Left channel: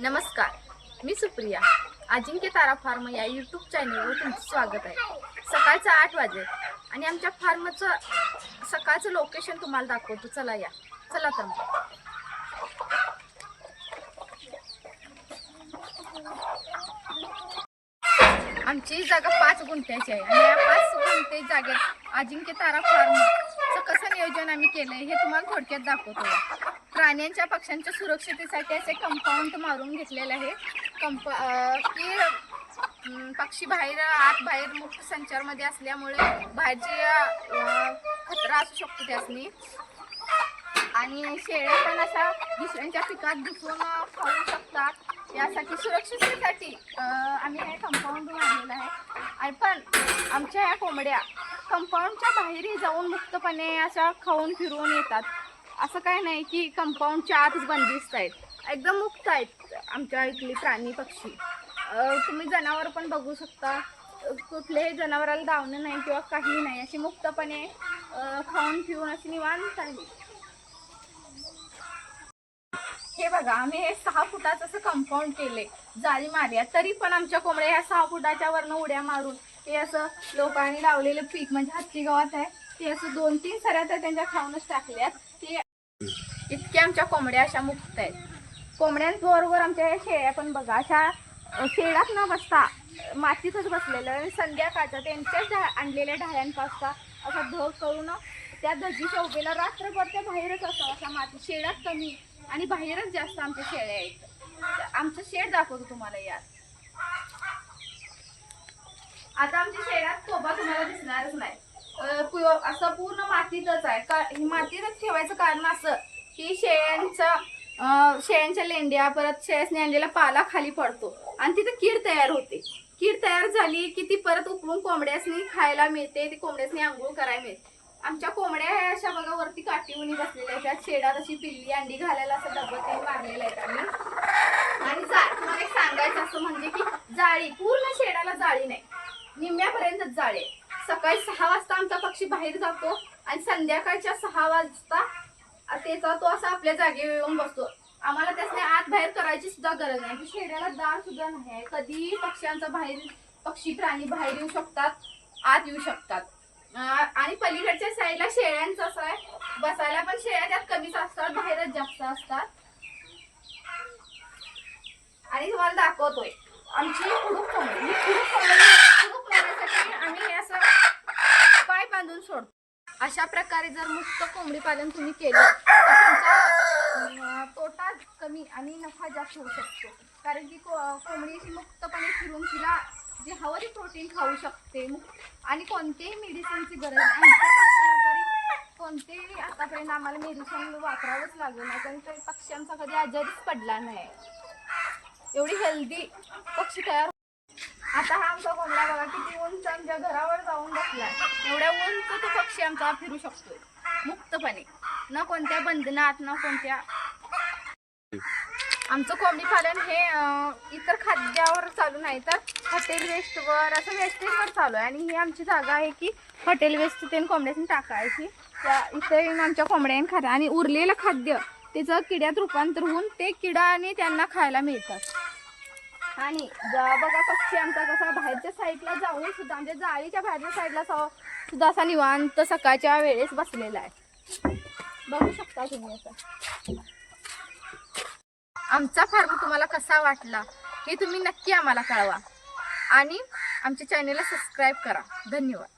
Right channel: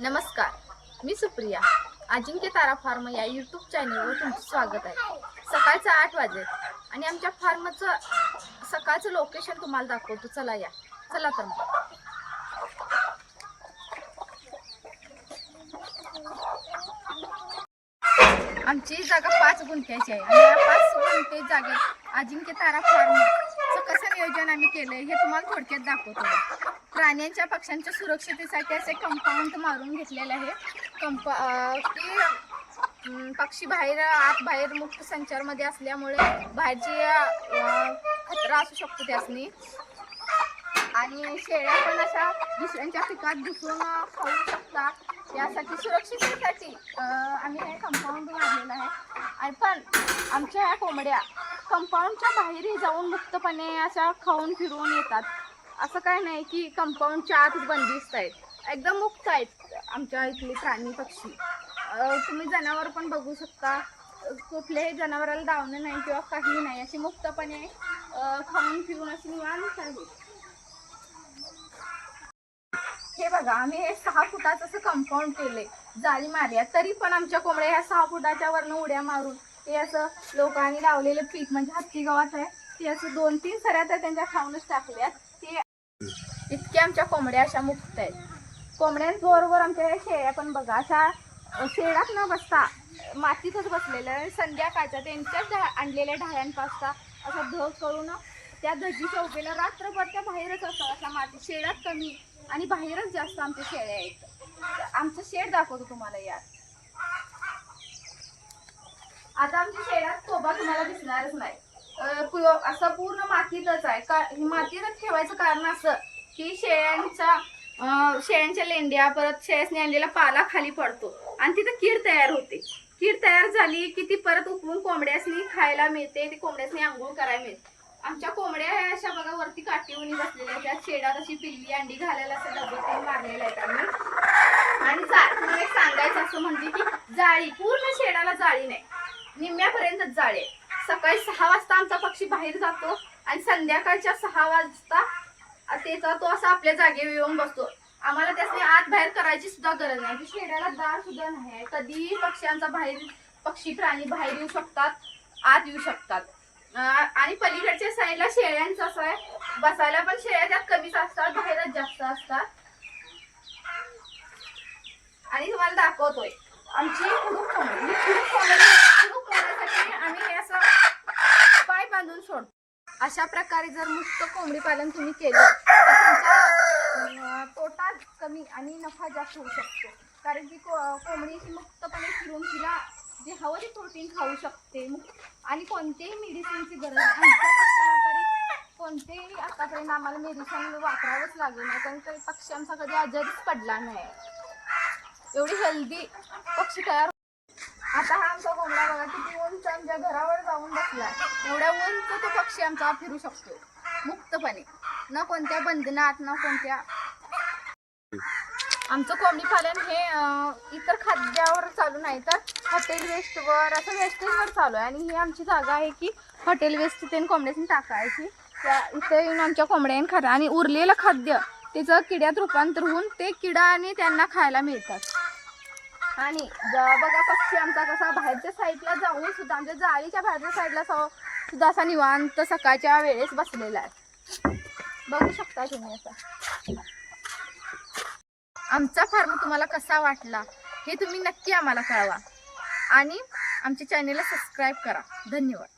नमस्कार मी सुप्रिया. अजिंक्य तारा फार्म या यूट्यूब चॅनलवर तुमचं स्वागत आहे. सकाळचं आठ वाजे आणि आमच्या फार्मचं सकाळचं लोकेशन तुम्हाला दाखवतो. चला या. चला तर मग. आमची जागा पाच गुंठ्याची आहे आणि या पाच गुंठे जागेत अजिंक्य तारा फार्मचं कसं नियोजन आम्ही केलंय हे तुम्हाला थोडक्यात दाखवतो. प्राण्यांच्या पक्ष्यांच्या सुरक्षितेसाठी असे कंपाऊंड मारून घेतलेलं आहे. कंप की पक्षी बाहेर आत बाहेर मुक्त संचारमध्ये असल्यामुळे बाहेरची खतरा असू शकतो त्यासनी. आणि शेळ्या पण अशा दुसऱ्यांच्या पिकात घुसून खाऊ शकतात. यासाठी सुरक्षिततेसाठी आम्ही हे कंपाऊंड मारलेलं आहे. आणि पण आमच्या ह्या कोंबड्या कंपाऊंडच्या बाहेरही जाऊन मुक्तपणे अशा खाऊन फिरून येतात. असं काही नाही की कंपाऊंडच्या आतच बंदिस्त आहेत. एकदम मुक्त आहेत आमच्या इथले प्राणी पक्षी. तुम्ही जनावर पण बघू शकता. कुठल्याही जनावराला दावणं नाही किंवा काही नाही. अशी मुक्तपणे खाऊन पिऊन अशी निवांत आहे हे बघा आम्ही हे सहा फुटाचं असं कंपाऊंड केले जाळी मारल्या तरी पण आमच्या कोंबड्या ह्या सहा फुटाच्या वरनं उड्या मारून हे असं लोकांनी लावलेलं पीक म्हणजे हत्ती गवत आहे ते असं दोन तीन सऱ्या तर त्यांच्या खाऊनच टाकल्यात. इतक्या आमच्या कोंबड्या अशा मुक्त आहेत. कोंबड्यांबरोबर आमच्या शेळ्या पण बघा अशा शेळात न बसता मातीतच बसलेल्या संध्याकाळच्या त्यांच्याच आणलेल्या ढाळ्यांपासता असं धग करून त्या धजीच्या उभेला रात्रभर त्या बाहेरच असं अशा माती शेडात कमी आणि बाहेरच जास्त आमच्या शेळ्या आहेत. आमचं शेड दाखवतो तुम्हाला यात. आता आमच्या शेळ्यात कोबा तुम्हाला दिसणारच नाही. असं पूर्ण मातीतच आहे. का मातीतच ठेवायचं कारण असं की शेळ्यांचा शेळ्यांच्या लेंड्या परत शेळ्याने आणलेला पाला खाली पडतो. आणि तिथं कीड तयार होते. कीड तयार झाली की ती परत उकळून कोंबड्यासनी खायला मिळते. ती कोंबड्यासनी आंघोळ करायला मिळते. आमच्या कोंबड्या ह्या अशा बघा वरती काठीवणी बसलेल्या आहेत. त्यात शेडात अशी पिल्ली अंडी घालायला असं डबं मारलेलं आहेत आम्ही. आणि तुम्हाला एक सांगायचं असं म्हणजे की जाळी पूर्ण शेडाला जाळी नाही. निम्म्यापर्यंत जाळी आहे. सकाळी सहा वाजता आमचा पक्षी बाहेर जातो आणि संध्याकाळच्या सहा वाजता त्याचा तो असा आपल्या जागेवर येऊन बसतो. आम्हाला त्याने आत बाहेर करायची सुद्धा गरज नाही. म्हणजे दार सुद्धा नाही. आहे कधीही पक्ष्यांचा बाहेर पक्षी प्राणी बाहेर येऊ शकतात आत येऊ शकतात. आणि पलीकडच्या साईडला शेळ्यांचं असं आहे. बसायला पण शेळ्या त्यात कमीच असतात बाहेरच जास्त असतात. आणि तुम्हाला दाखवतोय. आमची कुडूक कोंबडी. कुडूक कोंबडी कुडूक कोंबड्यासाठी आम्ही हे असं पाय बांधून सोडतो. अशा प्रकारे जर मुक्त कोंबडी पालन तुम्ही केलं तर तुमचा तोटा कमी आणि नफा जास्त होऊ शकतो. कारण की को- कोंबडी मुक्तपणे फिरून तिला जे हवं ते प्रोटीन खाऊ शकते. आणि कोणतेही मेडिसिनची गरज नाही. आमच्या तरी कोणतेही आतापर्यंत आम्हाला मेडिसिन वापरावंच लागलं नाही. कारण काही पक्ष्यांचा कधी आजारीच पडला नाही. एवढी हेल्दी पक्षी तयार आता हा आमचा कोंबडा बघा किती उंच आमच्या घरावर जाऊन बसला एवढ्या उंच तो पक्षी आमचा फिरू शकतो मुक्तपणे. न कोणत्या बंधनात ना कोणत्या आमचं कोंबडी पालन हे इतर खाद्यावर चालू नाही तर हॉटेल वेस्टवर असं वेस्टेजवर चालू आहे. आणि ही आमची जागा आहे की हॉटेल वेस्ट ते कोंबड्याची टाकायची. त्या इथे येऊन आमच्या कोंबड्याने खाता आणि उरलेलं खाद्य त्याचं किड्यात रूपांतर होऊन ते किडा आणि त्यांना खायला मिळतात. आणि बघा पक्षी आमचा कसा बाहेरच्या साईडला जाऊन सुद्धा आमच्या जाळीच्या बाहेरच्या साईडला सा- सुद्धा असा निवांत सकाळच्या वेळेस बसलेला आहे. बघू शकता तुम्ही असा. आमचा फार्म तुम्हाला कसा वाटला हे तुम्ही नक्की आम्हाला कळवा. आणि आमच्या चॅनेलला सबस्क्राईब करा. धन्यवाद.